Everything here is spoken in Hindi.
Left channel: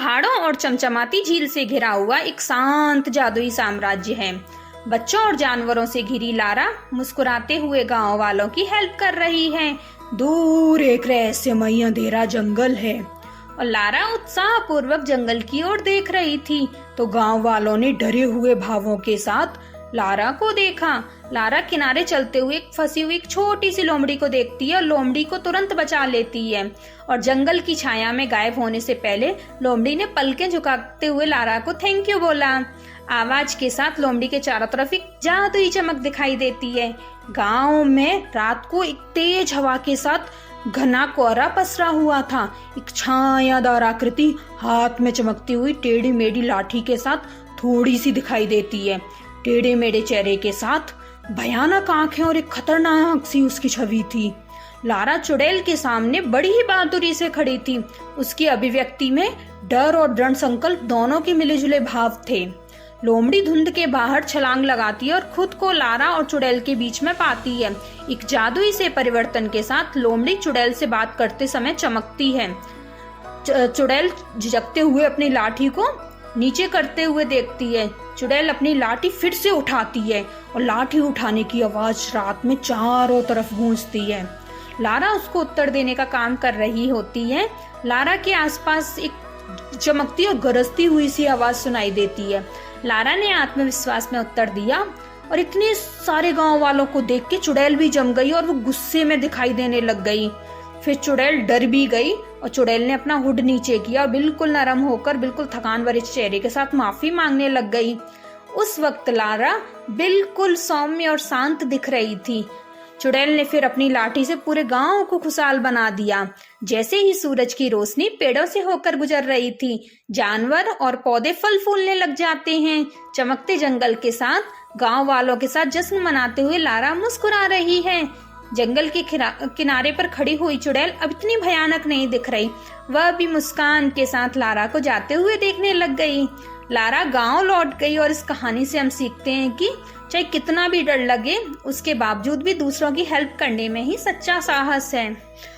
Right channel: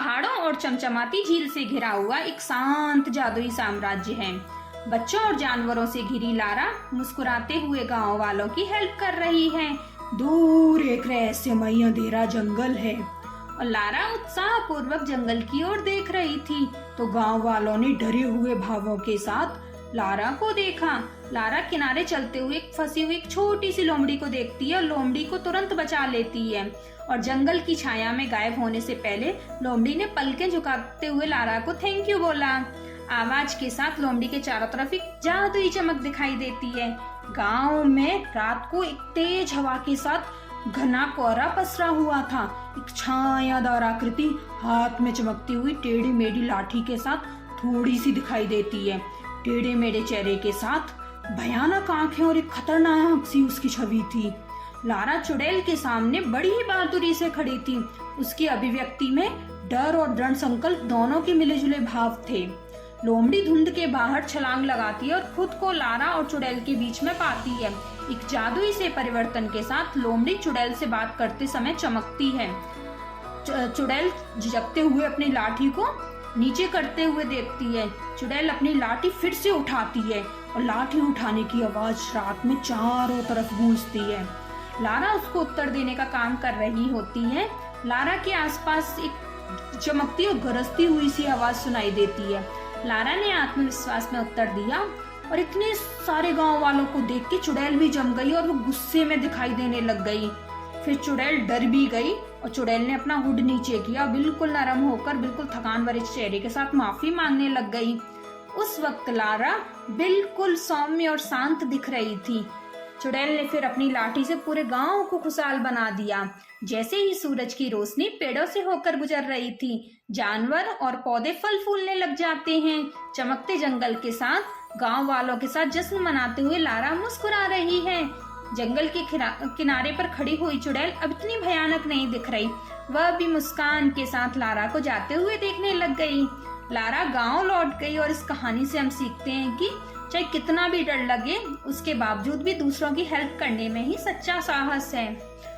पहाड़ों और चमचमाती झील से घिरा हुआ एक शांत जादुई साम्राज्य है। बच्चों और जानवरों से घिरी लारा मुस्कुराते हुए गांव वालों की हेल्प कर रही है। दूर एक रहस्यमय अंधेरा जंगल है और लारा उत्साहपूर्वक जंगल की ओर देख रही थी तो गांव वालों ने डरे हुए भावों के साथ लारा को देखा। लारा किनारे चलते हुए एक फंसी हुई एक छोटी सी लोमड़ी को देखती है और लोमड़ी को तुरंत बचा लेती है और जंगल की छाया में गायब होने से पहले लोमड़ी ने पलकें झुकाते हुए लारा को थैंक यू बोला। आवाज के साथ लोमड़ी के चारों तरफ एक जादुई चमक दिखाई देती है। गांव में रात को एक तेज हवा के साथ घना कोहरा पसरा हुआ था। एक छायादार आकृति हाथ में चमकती हुई टेढ़ी मेढ़ी लाठी के साथ थोड़ी सी दिखाई देती है। टेढ़े मेढ़े चेहरे के साथ भयानक आंखें और एक खतरनाक सी उसकी छवि थी। लारा चुड़ैल के सामने बड़ी ही बहादुरी से खड़ी थी। उसकी अभिव्यक्ति में डर और दृढ़ संकल्प दोनों के मिले जुले भाव थे। लोमड़ी धुंध के बाहर छलांग लगाती है और खुद को लारा और चुड़ैल के बीच में पाती है। एक जादुई से परिवर्तन के साथ लोमड़ी चुड़ैल से बात करते समय चमकती है। चुड़ैल झिझकते हुए अपनी लाठी को नीचे करते हुए देखती है। चुड़ैल अपनी लाठी फिर से उठाती है और लाठी उठाने की आवाज रात में चारों तरफ गूंजती है। लारा उसको उत्तर देने का काम कर रही होती है। लारा के आसपास एक चमकती और गरजती हुई सी आवाज सुनाई देती है। लारा ने आत्मविश्वास में उत्तर दिया और इतने सारे गांव वालों को देख के चुड़ैल भी जम गई और वो गुस्से में दिखाई देने लग गई। फिर चुड़ैल डर भी गई और चुड़ैल ने अपना हुड नीचे किया और बिल्कुल नरम होकर बिल्कुल थकान भरे चेहरे के साथ माफी मांगने लग गई। उस वक्त लारा बिल्कुल सौम्य और शांत दिख रही थी। चुड़ैल ने फिर अपनी लाठी से पूरे गांव को खुशहाल बना दिया। जैसे ही सूरज की रोशनी पेड़ों से होकर गुजर रही थी, जानवर और पौधे फल फूलने लग जाते हैं। चमकते जंगल के साथ गांव वालों के साथ जश्न मनाते हुए लारा मुस्कुरा रही है। जंगल के किनारे पर खड़ी हुई चुड़ैल अब इतनी भयानक नहीं दिख रही। वह भी मुस्कान के साथ लारा को जाते हुए देखने लग गई। लारा गांव लौट गई और इस कहानी से हम सीखते हैं कि चाहे कितना भी डर लगे, उसके बावजूद भी दूसरों की हेल्प करने में ही सच्चा साहस है।